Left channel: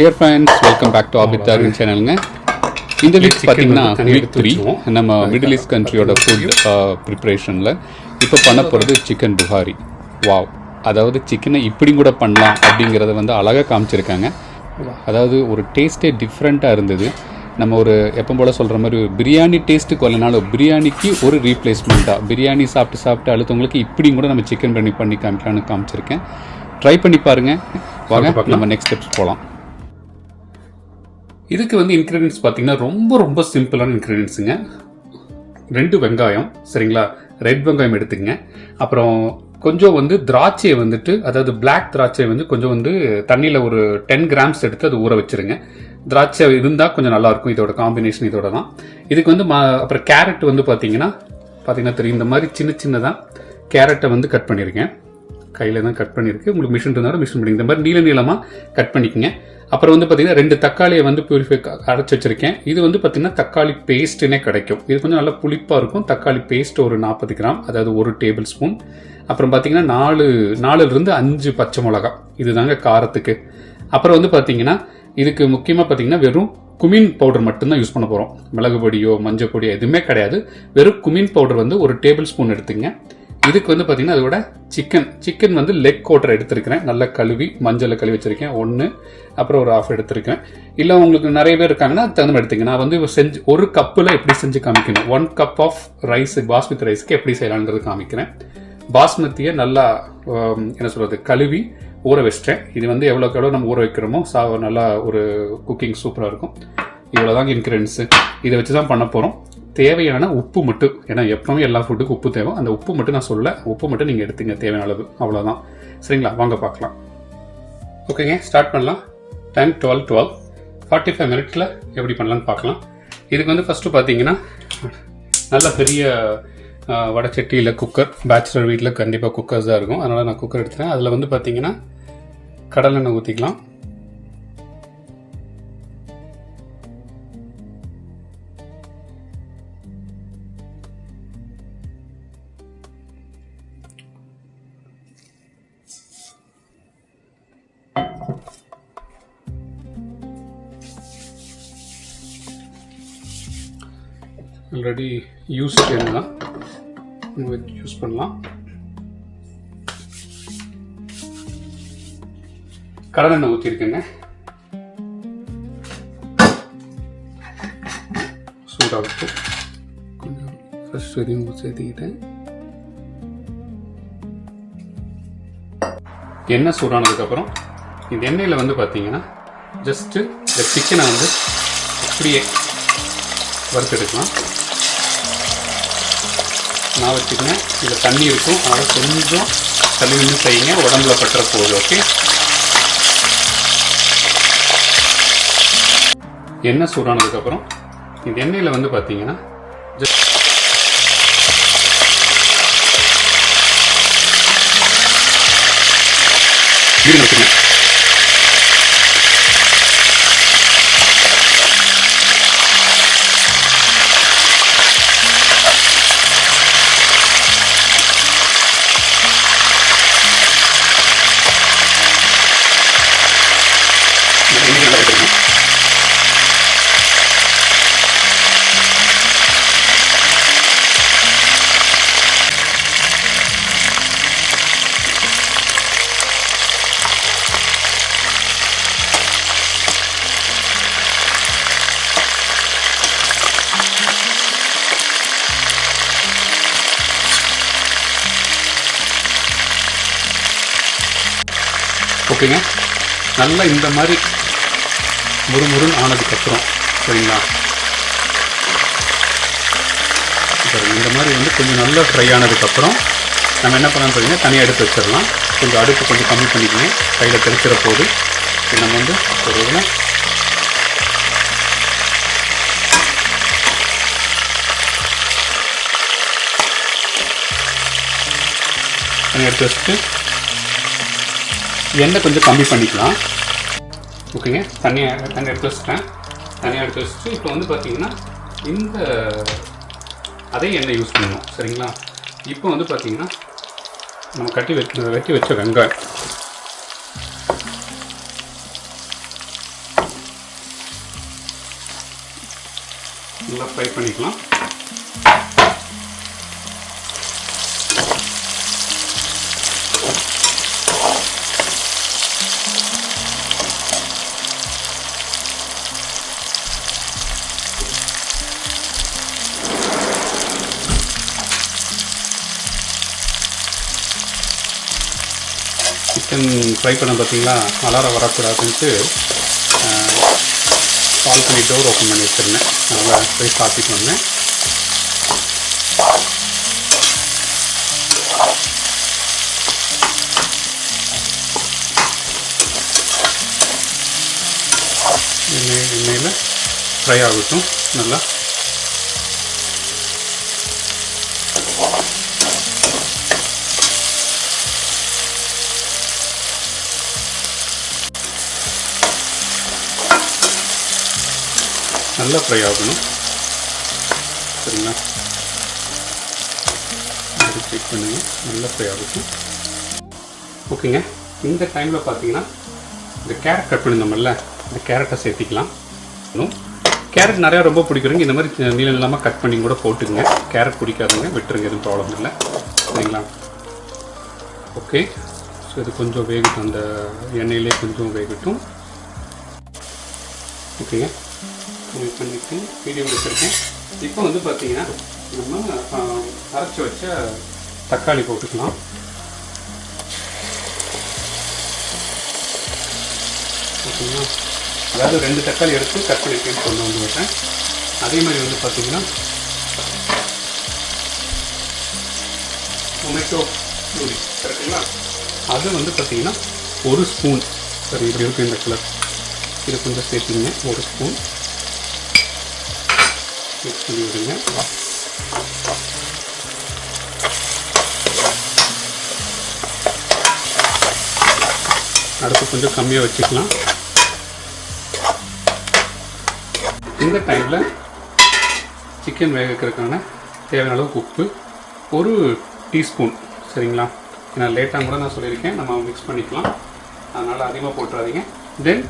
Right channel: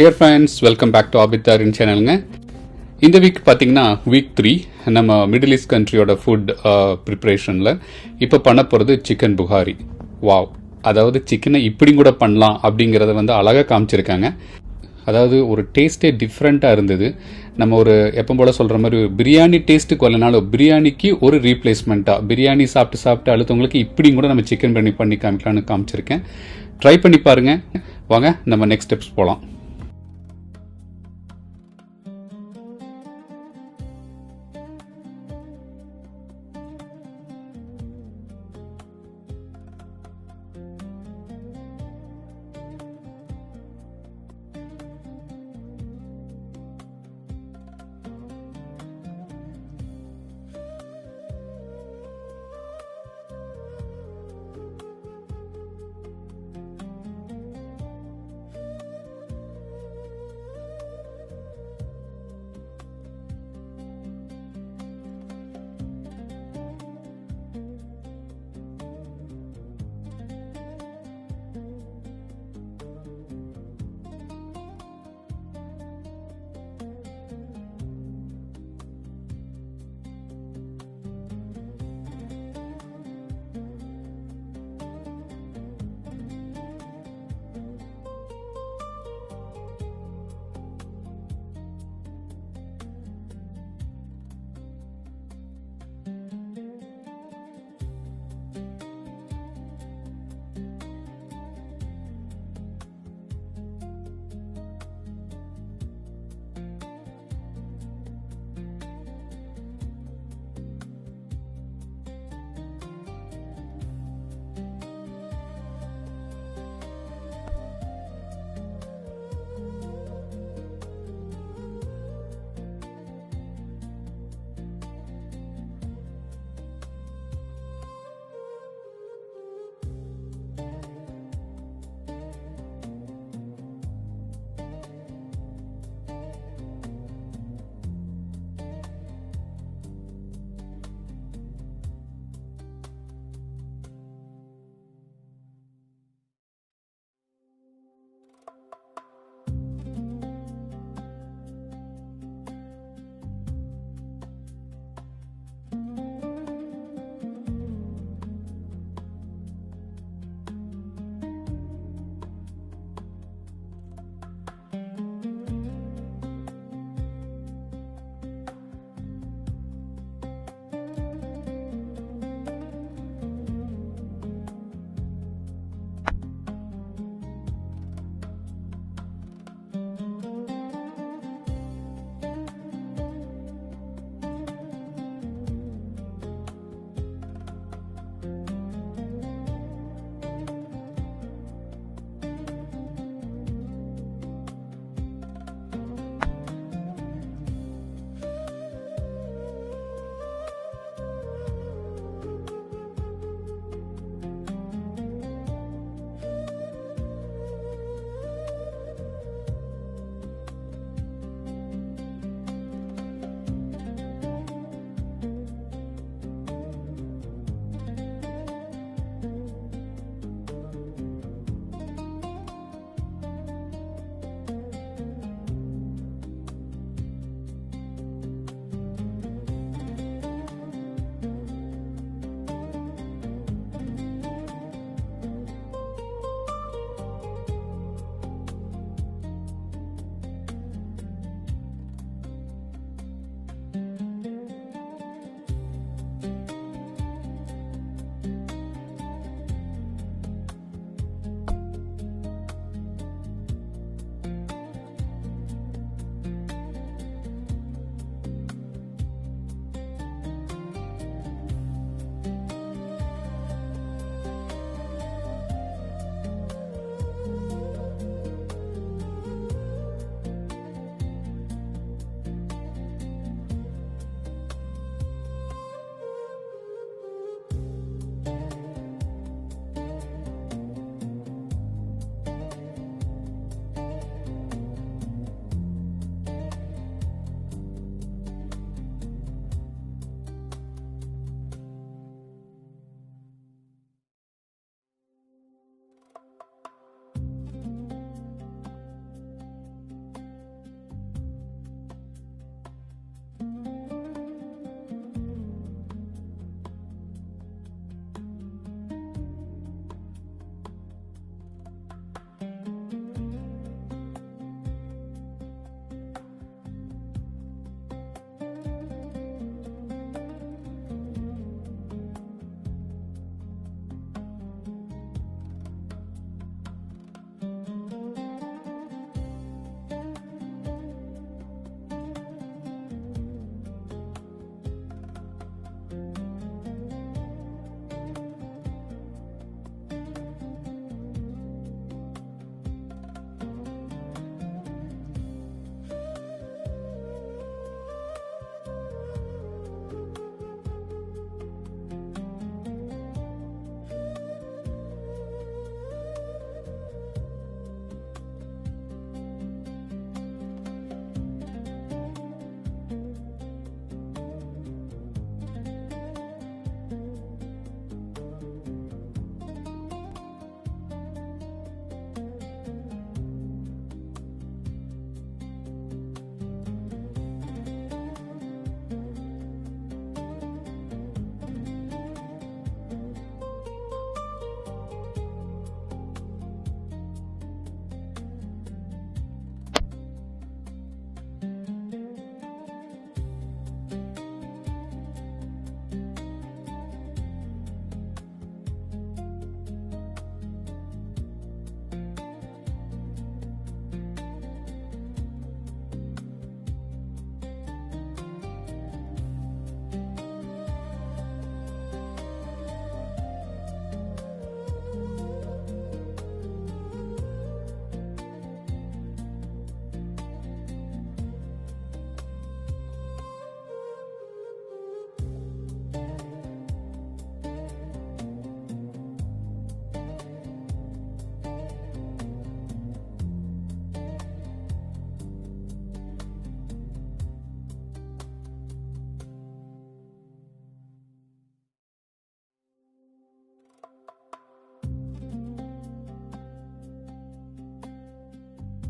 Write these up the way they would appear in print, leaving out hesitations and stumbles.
Dear friends, welcome back to ஆபித்தாரின் சேனலுங்க. இந்த வீக் பார்த்தீங்கன்னா வீக் 3 நம்ம மிடில் ஈஸ்ட் கண்ட்ரியோட ஃபுட் ப்ரிப்ரேஷனில் இப்போ பண்ண போகிறது சிக்கன் புகாரி. வாவ்! அதாவது சிக்கனை இப்படி கூட பண்ணலாம் அப்படிங்கிறத வந்து அழகாக காமிச்சிருக்காங்க. அதாவது ஒரு டேஸ்ட்டே டிஃப்ரெண்ட்டாக இருந்தது. நம்ம ஒரு எப்போ போல் சொல்கிற மாதிரி பிரியாணி டேஸ்ட்டுக்கு வரலனாலும் பிரியாணிக்கு ஒரு ரீப்ளேஸ்மெண்ட்டாக பிரியாணி சாப்பிட்டு அழுத்தவங்களுக்கு இப்படியும் கூட நம்ம சிக்கன் பண்ணி காமிக்கலான்னு காமிச்சிருக்கேன். ட்ரை பண்ணி பாருங்கள். வாங்க நம்ம நெக்ஸ்ட் ஸ்டெப்ஸ் போகலாம். இதுக்கு வந்து இன்க்ரீடியன்ஸ் பார்த்தீங்கன்னா ரொம்ப சிம்பிளான இன்க்ரீடியன்ஸுங்க. 2 வெங்காயம், சரிங்களா? ரெட் வெங்காயம் எடுத்துங்க. அப்புறம் கொஞ்சம் வந்து திராட்சையை வந்துட்டு, அதாவது பிளாக் திராட்சையை வந்து கொஞ்சம் வந்து தண்ணியில் ஒரு 10 கிராம்ஸ் எடுத்து அது ஊற வச்சுருங்க. திராட்சை இருந்தால் கொஞ்சம் நல்லாயிருக்கும். இதோட காம்பினேஷன் இதோட தான். இதுக்கு வந்து அப்புறம் கேரட் வந்து பார்த்தீங்கன்னா தெரியும், இந்த மாதிரி சின்னதாக கேரட்டை வந்து கட் பண்ணியிருக்கேன். கையில் தான் கட் பண்ணியிருக்கு. உங்களுக்கு மிஷின் இருந்தாலும் மிஷின் பண்ணி இந்த மாதிரி நீளமாக கட் பண்ணிக்கோங்க. அப்புறம் வந்து பார்த்தீங்கன்னா 2 தக்காளியை வந்து பியூரிஃபை அரைச்சி வச்சிருக்கேன். இது வந்து பார்த்தீங்கன்னா தக்காளி பேஸ்ட்டுனே கிடைக்கும். இது கொஞ்சம் நல்லா புளிப்பாக இருக்கும். தக்காளி பேஸ்ட் ஒரு 40 கிராம், அதாவது 1 டேபிள் ஸ்பூன். அப்புறம் பார்த்தீங்கன்னா 4லிருந்து 5 பச்சை மிளகா, இதுதாங்க காரத்துக்கு. அப்புறம் வந்து பார்த்தீங்கன்னா இதுக்கு முக்கியமாக பார்த்தீங்கன்னா வெறும் குமின் பவுடர் மட்டும்தான் யூஸ் பண்ண போகிறோம். மிளகு பொடியோ மஞ்சள் பொடியோ எதுவுமே கிடையாது. வெறும் குமின் பவுடர் வந்து 1 டேபிள் ஸ்பூன் எடுத்துங்க. இதுக்கு வந்து பார்த்தீங்கன்னா அதோட சிக்கன் வந்து லெக் கோட்டரை எடுத்துருக்கிறேன். நல்லா கழுவி மஞ்சளை கழுவி வச்சிருக்கேன் 1, அப்புறம் ஒரு 1/2 எடுத்துருக்கேன். இல்லை உங்களுக்கு நிறைய பேர் இருக்காங்கன்னா தகுந்த எடுத்துங்க. நான் வந்து ஒரு கப்பில் எப்படி செஞ்சு காமிக்கணும், 1 கப் ஆஃப் ரைஸ் பாஸ்மதி ரைஸ்க்கு எப்படி செய்யலாங்கிறது காமிக்கிறேன். பாஸ்மதியை நல்லா கழுவி ஊற வச்சிட்டேன். இது வந்து எவ்வளோ நம்ம ஊற வைக்கிறோமோ நல்லா ஒரு குக்கிங் சூப்பராக இருக்கும். இவ்வளோதாங்க இன்க்ரீடியன்ஸு. இதை வச்சு தான் பண்ண போகிறோம். தேவையான உப்பு மட்டும், ஏன்னா எப்பவுமே எல்லா ஃபுட்டுக்கும் உப்பு தேவை. அந்த உப்பு மட்டும் நான் சொல்ல, உப்பு மட்டும் நீங்கள் எடுத்துங்க தேவையான அளவு, அவ்வளோதான். சரிங்களா? வாங்க பார்க்கலாம். ஓகேங்க, ஸ்டார்ட் பண்ணலாம். டைம் 12 45 மினிட்ஸில் எப்படி பண்ணலான்னு பார்க்கலாம். இதுக்கு வந்து ஃபஸ்ட்டு பார்த்தீங்கன்னா நல்ல பெரிய வடச்சட்டி இல்லை குக்கர், பேச்சுலர் வீட்டில் கண்டிப்பாக குக்கர்ஸ் தான் இருக்கும். அதனால் நான் குக்கர் எடுத்துகிறேன். அதில் வந்து பார்த்தீங்கன்னா கடலெண்ணெய் ஊற்றிக்கலாம். ஆல்ரெடி யூஸ் தான் யூஸ் பண்ணலாம். கடலெண்ணெய் ஊற்றிருக்கேங்க. சூடாக ஃபர்ஸ்ட் வரையும் சேர்த்துக்கிட்டேன். எண்ணெய் சூடானதுக்கப்புறம் இந்த எண்ணெயில் வந்து பார்த்தீங்கன்னா ஜஸ்ட்டு இந்த சிக்கனை வந்து இப்படியே வறுத்தெடுக்கலாம். நான் வச்சுக்கேன். இதில் தண்ணி இருக்கும், அதனால் கொஞ்சம் தள்ளிவின்னு செய்யுங்க, உடம்புல பட்டுற போகுது. ஓகே, எண்ணெய் சூடானதுக்கப்புறம் இந்த எண்ணெயில் வந்து பார்த்தீங்கன்னா ஜஸ்ட் வச்சுக்கேன். ஓகேங்க, நல்லா இந்த மாதிரி முறுமுறுன்னு ஆனதுக்கப்புறம், சரிங்களா, இந்த மாதிரி வந்து கொஞ்சம் நல்லா ஃப்ரை ஆனதுக்கப்புறம் நம்ம என்ன பண்ணலாம்னு பார்த்தீங்கன்னா தனியாக எடுத்து வச்சிடலாம். கொஞ்சம் அடுப்பு கொஞ்சம் கம்மி பண்ணிக்கணும், கையில் தெரிக்கிற போது. நம்ம வந்து ஒரு இதில் தனியாக எடுத்து வச்சுட்டு எண்ணெய் கொஞ்சம் கம்மி பண்ணிக்கலாம். ஓகேங்க, தனியாக எடுத்து வச்சுட்டேன். தனியாக எடுத்து வச்சுட்டு இப்போ வந்து பார்த்தீங்கன்னா இந்த அதே எண்ணெய் யூஸ் பண்ணணும். சரிங்களா? இப்போ வந்து பார்த்தீங்கன்னா நம்ம வெட்டி வச்ச வெங்காயம் ஃப்ரை பண்ணிக்கலாம். சிக்கன் ஃப்ரை பண்ண பார்த்தீங்களா, அலாரம் வரக்கூடாதுன்ட்டு கால் பண்ணி டோர் ஓப்பன் பண்ணி வச்சுருந்தேன். நல்லா போய் சாப்பிட்டு வந்தேன். எண்ணெயில் ஃப்ரை ஆகட்டும். நல்லா நல்லா ஃப்ரை ஆகணும். சரிங்களா, செக் பண்ணுங்க. நல்லா ஃப்ரை ஆகட்டும். ஓகேங்க. இந்த டைமில் பார்த்தீங்கன்னா இந்த கேரட் கட் பண்ணியிருந்தோம்ல, இந்த கேரட்டை சேர்த்திக்கலாம். கேரட் நிறையா ரொம்ப பிடிக்கிறவங்க இந்த மாதிரி நீளம் இல்லாமல் கட் பண்ணி கூட போட்டுங்க. கேரட் பிடிக்காதுங்க, விட்டுருங்க, எதுவும் ப்ராப்ளம் இல்லை. சரிங்களா. ஓகே, ஸோ இது கொஞ்சம் வேகட்டும், அந்த எண்ணெயிலே கொஞ்சம் வேகட்டும். ஓகேங்க, கம்மி பண்ணிவிட்டு மீடியம் வச்சுருக்கேன். இப்போ வந்து பார்த்தீங்கன்னா நம்ம அரைச்சி வச்ச தக்காளி போட்டுக்கலாம். ஓகேங்களா, அதாவது 2 தக்காளி எடுத்து கட் பண்ணி கொண்டு வந்து விட்டேன். அதே மாதிரி வந்து பார்த்தீங்கன்னா டொமேட்டோ பூரி கரெக்டுங்களா, அது வந்து பார்த்தீங்கன்னா 1 ஸ்பூன். சரி, இப்படி இருக்கும் இந்த கலர். இது கொஞ்சம் சேர்த்துங்க. 1 ஸ்பூன் மிக்ஸ் பண்ணி விடுங்க. அடுப்பு கொஞ்சம் கம்மியாக வச்சுக்கலாம். இந்த டைமில் சிக்கன் வேக வைக்கிறதுக்கான தேவையான அளவுக்கு உப்பு 1 டீஸ்பூன். சரிங்களா, நான் லேட்டாக கூட நான் சொல்லியிருக்கேன், நம்ம மிக்ஸ் பண்ணிக்கலாம், அதனால் அதிகமாக போட்டுறாதீங்க. தென்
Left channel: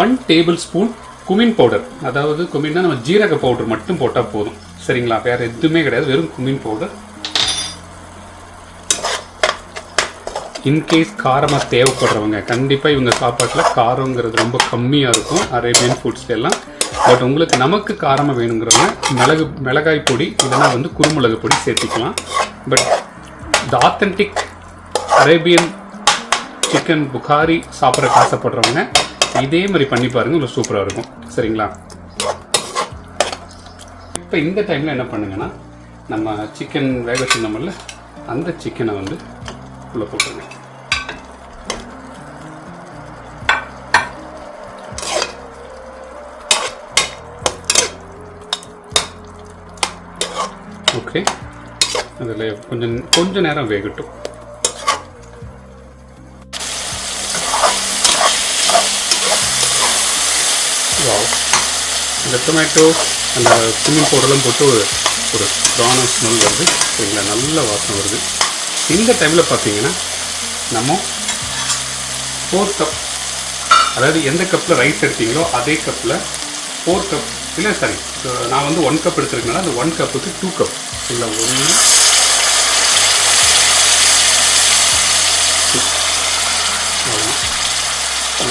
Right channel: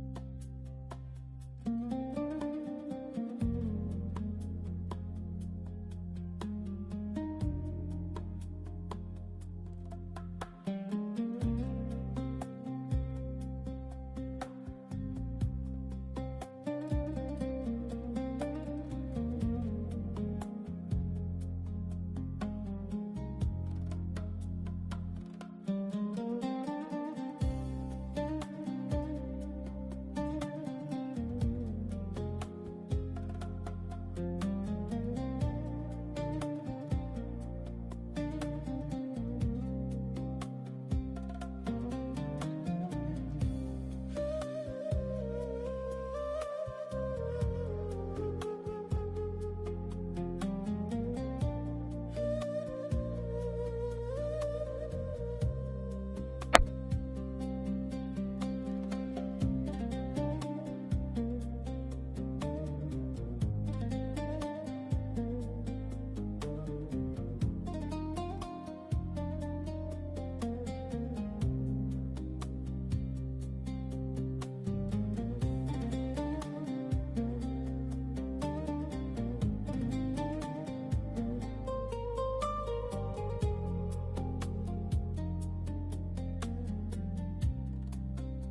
1 டேபிள் ஸ்பூன் குமின் பவுடர். அதாவது குமின்னா நம்ம ஜீரக பவுடர் மட்டும் போட்டால் போதும். சரிங்களா, வேறு எதுவுமே கிடையாது, வெறும் குமின் பவுடர். இன்கேஸ் காரமாக தேவைப்படுறவங்க கண்டிப்பாக இவங்க சாப்பாட்டில் காரங்கிறது ரொம்ப கம்மியாக இருக்கும் அரேபியன் ஃபுட்ஸ் எல்லாம். பட் உங்களுக்கு நமக்கு காரமாக வேணுங்கிறவங்க மிளகாய் பொடி இல்லைனா வந்து குருமிளகு பொடி சேர்த்திக்கலாம். But the authentic Arabian chicken bukhari சாப்பிட்றக்கு ஆசைப்படுறவங்க இதே மாதிரி பண்ணி பாருங்கள், உங்களுக்கு சூப்பராக இருக்கும். சரிங்களா, இப்போ இந்த டைமில் என்ன பண்ணுங்கன்னா, நம்ம சிக்கன் வேக வச்சுருந்தோம்ல, அந்த சிக்கனை வந்து உள்ளே போட்டுருங்க. ஓகே, அதில் கொஞ்சம் நேரம் வேகட்டும். இந்த டொமேட்டோ அந்த குமின் பவுடர்லாம் போட்டு ஒரு ப்ரான் ஸ்மெல் வருது. சரிங்களா, நல்ல வாசனை வருது. இந்த டைமில் பார்த்தீங்கன்னா நம்ம 4 கப், அதாவது எந்த கப்பில் ரைஸ் எடுத்தீங்களோ அதே கப்பில் 4 கப் இல்லை, சாரி, நான் வந்து 1 கப் எடுத்துருக்கனால அந்த 1 கப்புக்கு 2 கப். இல்லை,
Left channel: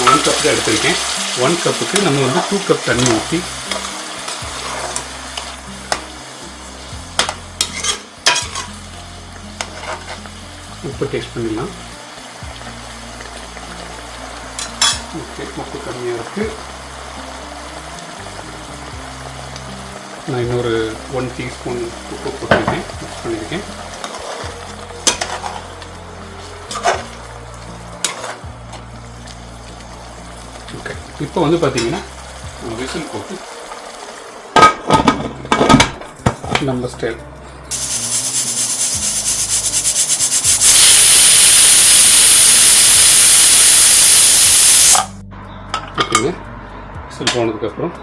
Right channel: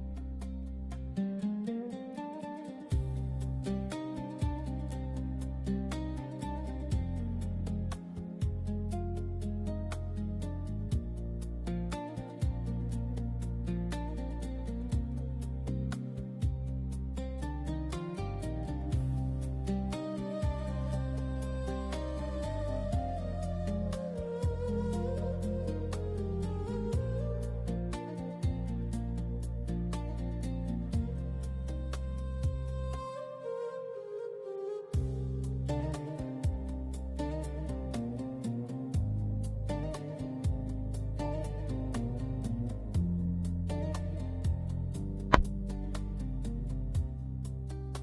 1 கப் தான் எடுத்திருக்கேன். 1 கப்புக்கு நம்ம வந்து 2 கப் தண்ணி ஊற்றி உப்பு டேஸ்ட் பண்ணிடலாம். ஓகே, உப்பு கம்மியாக இருக்குது. நான் இன்னொரு 1 டீஸ்பூன் உப்பு போட்டிருக்கேன், மிக்ஸ் பண்ணியிருக்கேன். ஓகே, இப்போ வந்து பார்த்தீங்கன்னா விசில் போட்டு நம்ம ஸ்டைல் ஓகேங்க. விசில் போனதுக்கப்புறம்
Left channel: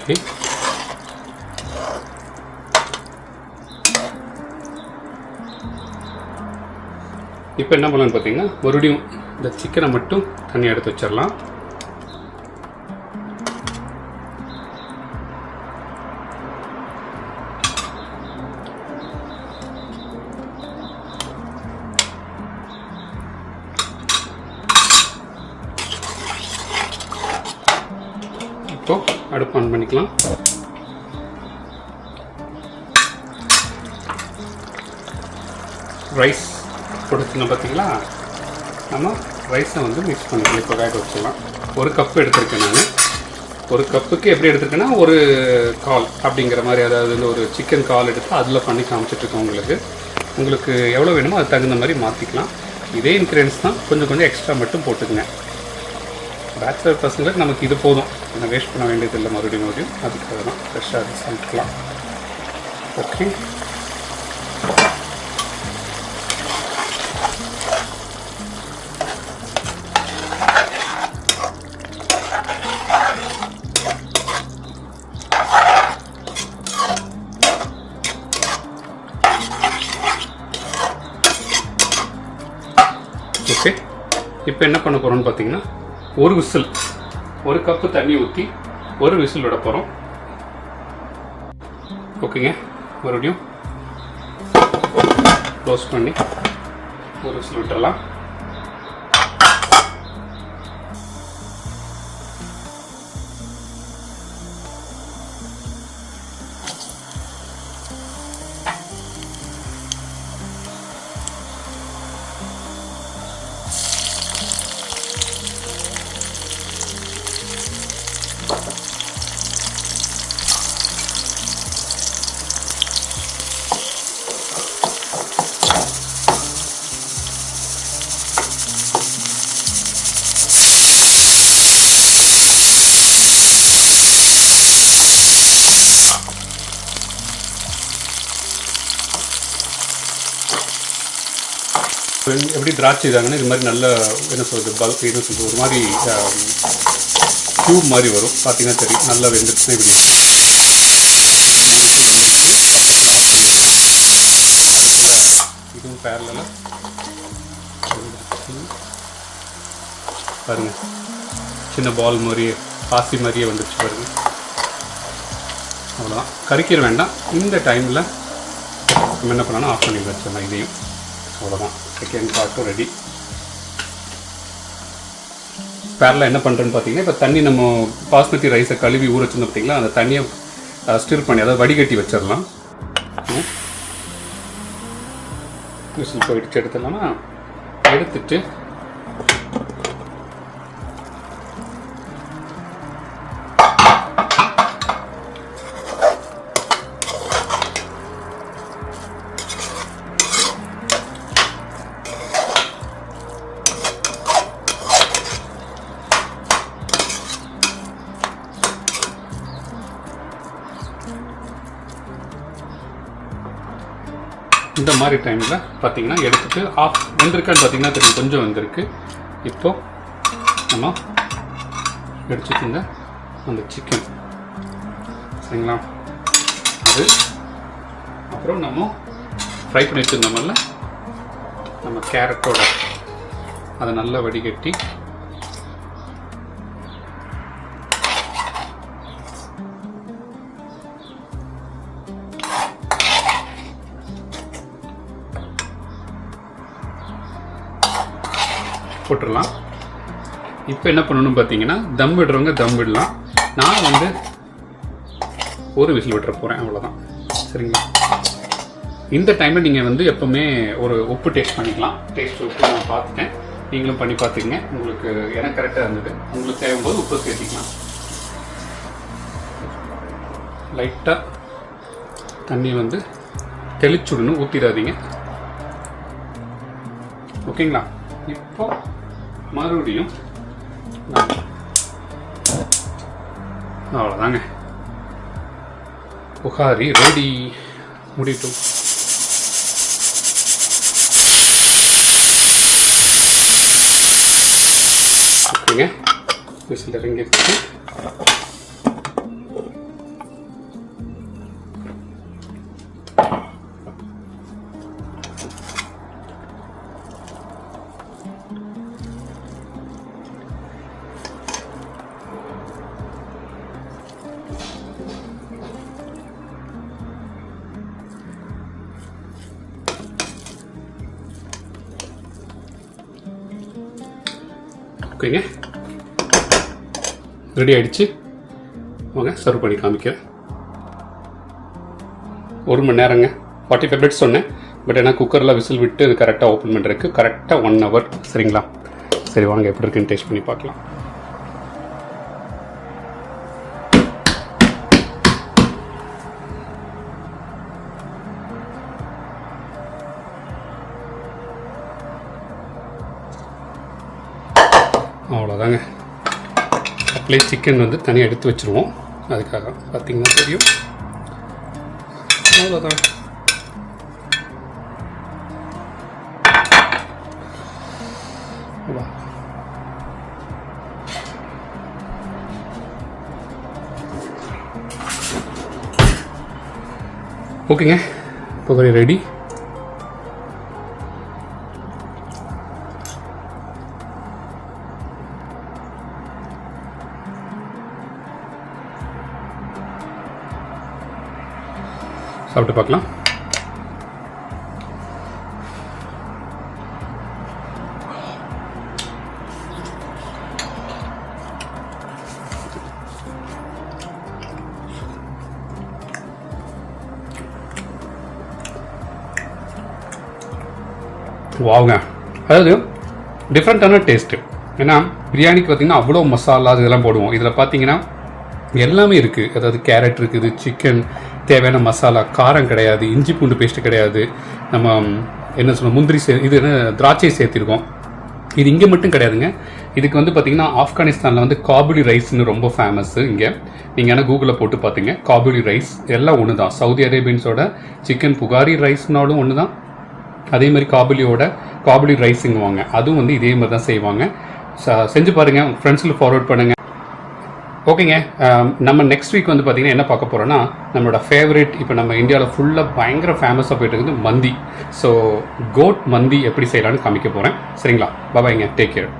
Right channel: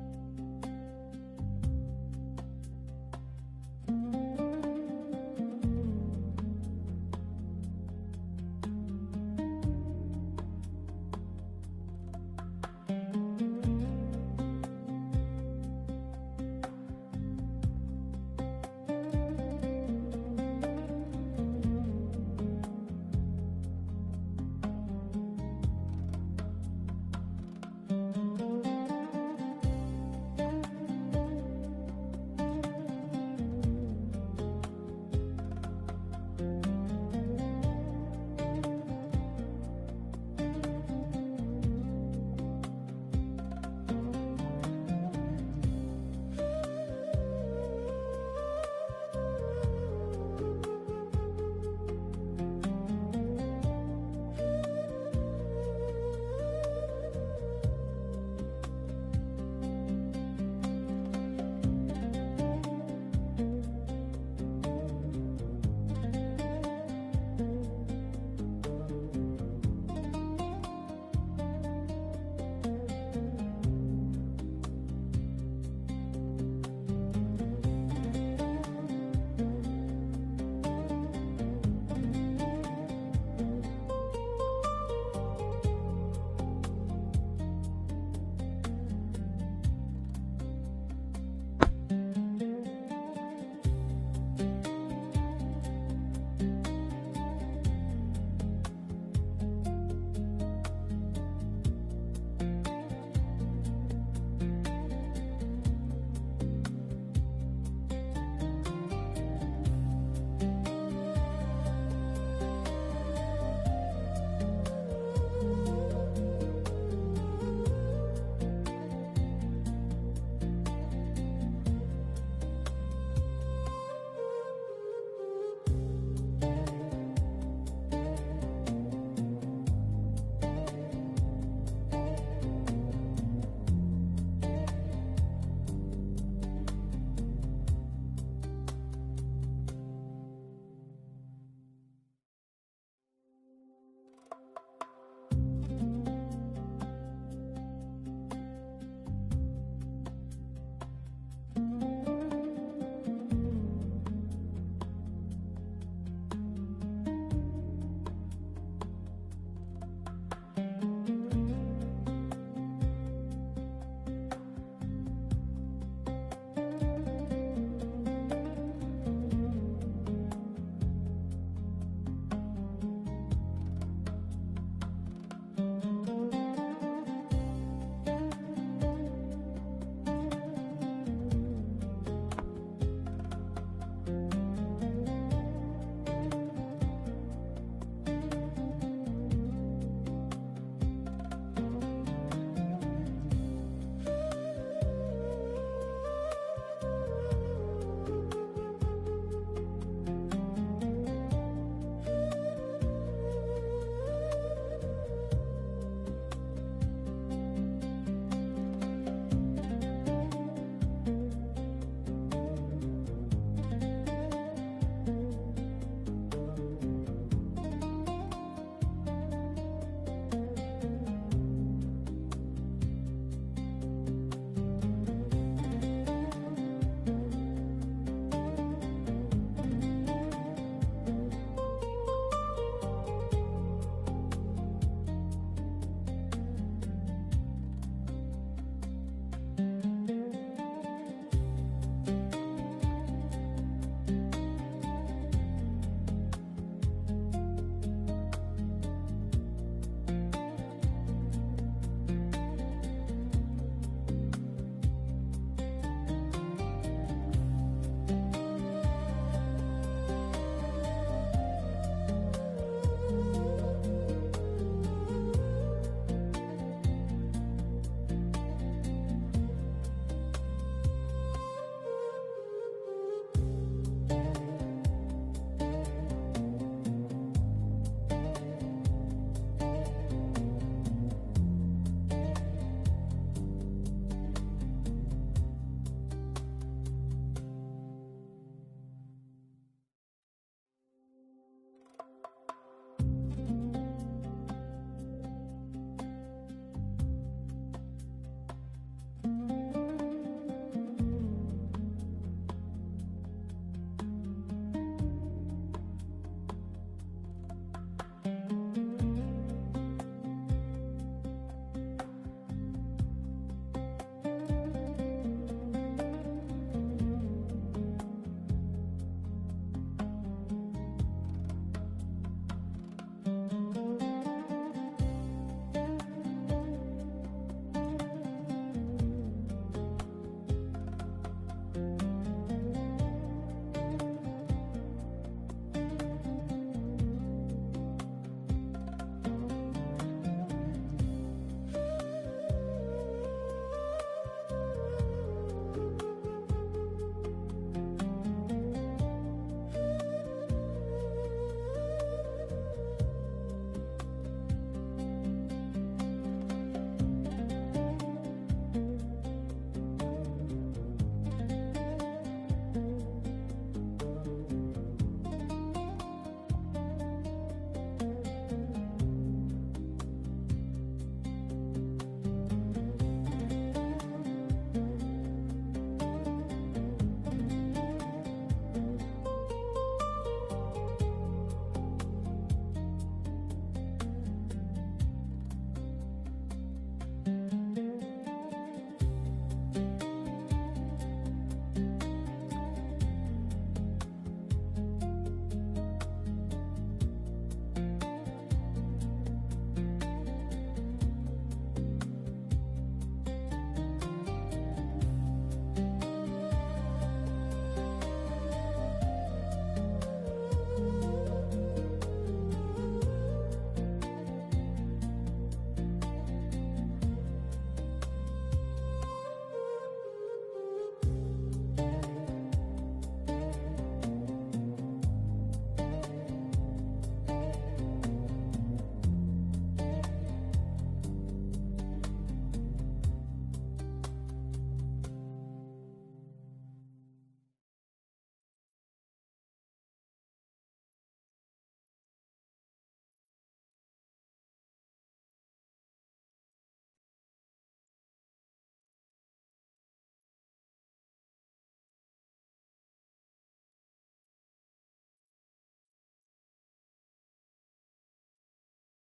ஓகே, இப்போ இப்போ என்ன பண்ணலான்னு பார்த்தீங்கன்னா மறுபடியும் இந்த சிக்கனை மட்டும் தனியாக எடுத்து வச்சிடலாம். இப்போ அடுப்பு ஆன் பண்ணிக்கலாம். ரைஸ் கொடுத்துருந்தோம் பார்த்தீங்களா, நம்ம ரைஸை வந்து மிக்ஸ் பண்ணிக்கலாம். இப்போ வேக வச்சிடலாம். 1 கப்பு எடுத்திருக்கேன் நான். 1 கப்புக்கு எப்படி எடுத்திருக்கேன்னா 1 கால் அப்படிங்கிற மாதிரி, அதாவது ஒரு சிக்கன் கால் எடுத்து அதில் பண்ணி காமிச்சிட்ருக்கோம். உங்களுக்கு எவ்வளோ வேணுமோ அது தகுந்த மாதிரி மாற்றிக்கலாம். இதே இன்க்ரீடியன்ஸ் தான், கொஞ்சம் எக்ஸ்ட்ரா மட்டும் போட்டுக்குங்க. பேச்சுலர் பசங்களுக்கு நமக்கு இது போதும், நம்ம வேஸ்ட் பண்ண வேண்டியதில்லை மறுபடியும். அதுக்காக தான் ஃப்ரெஷ்ஷாக சமைக்கலாம். Okay, okay. இப்போ என்ன பண்ண போகிறோம்னு பார்த்தீங்கன்னா 1 விசில், 1 கப்பு தண்ணி ஊற்றி 1 விசில் விட போகிறோம். ஓகேங்க, மறுபடியும் க்ளோஸ் பண்ணி 1 விசில் விட்டுடலாம். எப்படி திராட்சை இதாங்கன்னா இது மாதிரி நல்ல என்ன சொல்கிறது ஒரு மாதிரி க்யூப் மாதிரி வரும். பார்த்தீங்கன்னா தெரியும், நல்லா வெந்துருச்சுன்னா இப்படி இருக்கும். பக்கத்தில் ஆஃப் பண்ணிடலாம். அதுக்குள்ள இதுவும் பேரலாக பாருங்கள், சின்ன பால் மாதிரியே பாசி மாதிரியே வந்துருச்சு பாருங்கள். அவ்வளோதான், கறிக்கிற வேண்டாம். இந்த டைமில் நம்ம என்ன பண்ணலாம், ஆஃப் பண்ணி வச்சிடலாம் இதையும். அவ்வளோதான், செகண்ட் பார்ட்டும் ரெடி. பேரலாக என்ன பண்ணுறேன்னு பார்த்தீங்கன்னா, இப்போ தண்ணி நம்ம பாஸ்மதி ரைஸை கழுவி ஊற வச்சுருந்தோம் பார்த்தீங்களா, அந்த தண்ணியை ஸ்டிர் பண்ணி அதாவது வடிகட்டி வச்சிடலாம். விசில் போயிடுச்சு, எடுத்துடலாமா? எடுத்துட்டு இந்த மாதிரி டைமில் பார்த்தீங்கன்னா எடுத்துகிட்டு ஆஃப் வெந்திருக்கான்னு பார்த்தீங்கன்னா தெரியும், கொஞ்சம் வெந்திருக்கு. இப்போது நம்ம எடுத்துக்கிங்க அந்த சிக்கன், சரிங்களா? அது அப்புறம் நம்ம ஃப்ரை பண்ணி வச்சுருந்தோம்ல நம்ம கேரட்டோட அதை நல்லா வடிகட்டி போட்டுடலாம். இப்போ என்ன பண்ணணும் பார்த்தீங்கன்னா, தம் விடுறவங்க தம் விடலாம். நான் வந்து 1 விசில் விட்டுற போகிறேன், அவ்வளோதான். சரிங்களா? இந்த டைமில் நீங்கள் வந்து எப்போவுமே ஒரு உப்பு டேஸ்ட் பண்ணிக்கலாம். டேஸ்ட் உப்பு நான் பார்த்துட்டேன், நீங்களும் பண்ணி பார்த்துக்கங்க. உங்களுக்கு எனக்கு கரெக்டாக இருந்தது. உங்களுக்கு தேவைம்போது உப்பு சேர்த்திக்கலாம். லைட்டாக தண்ணி வந்து தெளிச்சுடணும், ஊற்றிடாதீங்க. ஓகேங்களா? இப்போ மறுபடியும் அவ்வளோதாங்க, புகாரி ரெடி. முடிட்டும். ஓகேங்க, விசில் இறங்கிடுச்சு. ஓகேங்க, ரெடி ஆகிடுச்சு. வாங்க சர்வ் பண்ணி காமிக்கிறேன். 1 மணி நேரங்க, 45 மினிட்ஸ் சொன்னேன். பட் ஏன்னா குக்கரில் விசில் விட்டு இது கரெக்டாக ஓப்பன் பண்ணுறதுக்கு கரெக்டாக 1 ஹவர். சரிங்களா? சரி வாங்க எப்படி இருக்குன்னு டேஸ்ட் பண்ணி பார்க்கலாம். அவ்வளோதாங்க. அப்படியே சிக்கன் வந்து தனியாக எடுத்து வச்சுருவோம். அதுக்காக பார்த்தீங்கன்னா தெரியும். அவ்வளோதான். ஓகேங்க, இப்போ ரெடி. சாப்பிட்டு பார்க்கலாம். வாங்க, அதாவது டிஃப்ரெண்ட்டான டேஸ்ட்டு. ஏன்னா பிரியாணிக்கு பார்த்திங்கன்னா அவ்வளோ மசாலா இதெல்லாம் போடுவோம். இதில் பார்த்தீங்கன்னா எல்லாமே இருக்குது. அதாவது கேரட் இருக்குது, சிக்கன் தேவையான மசாலா, காரம் கிடையாது, இஞ்சி பூண்டு பேஸ்ட்டு கிடையாது, நம்ம என்ன சொல்ல முந்திரி இது என்ன திராட்சை சேர்த்திருக்கோம். இது இங்கே மட்டும் கிடையாதுங்க. இதுக்கு வந்து பார்த்திங்கன்னா ஆப்கானிஸ்தானில் வந்து காபுலி ரைஸ்னு ரொம்ப ஃபேமஸ்ஸு. இங்கே நீங்கள் ஆனால் கூகுளில் போட்டு பார்த்துங்க, காபுலி ரைஸ் எல்லாம் ஒன்று தான். சவுதி அரேபியன்ஸோட சிக்கன் புகாரி ரைஸ்னாலும் ஒன்று தான். அதே மாதிரி காபுலி ரைஸுங்குவாங்க, அதுவும் வந்து இதே மாதிரி தான் செய்வாங்க. செஞ்சு பாருங்கள், ஃப்ரெண்ட்ஸில் ஃபார்வர்ட் பண்ணுங்கள். ஓகேங்க, நம்ம நெக்ஸ்ட் வீக் வந்து பார்த்திங்கன்னா என்ன பார்க்க போகிறோன்னா, நம்மளோட ஃபேவரட் இப்போ நம்ம இந்தியாவில் ஃபுல்லாக பயங்கர ஃபேமஸாக போய்ட்டு இருக்குது மந்தி. ஸோ கோட் மந்தி எப்படி செய்யலான்னு காமிக்க போகிறேன். சரிங்களா? பாய்ங்க, டேக் கேர்.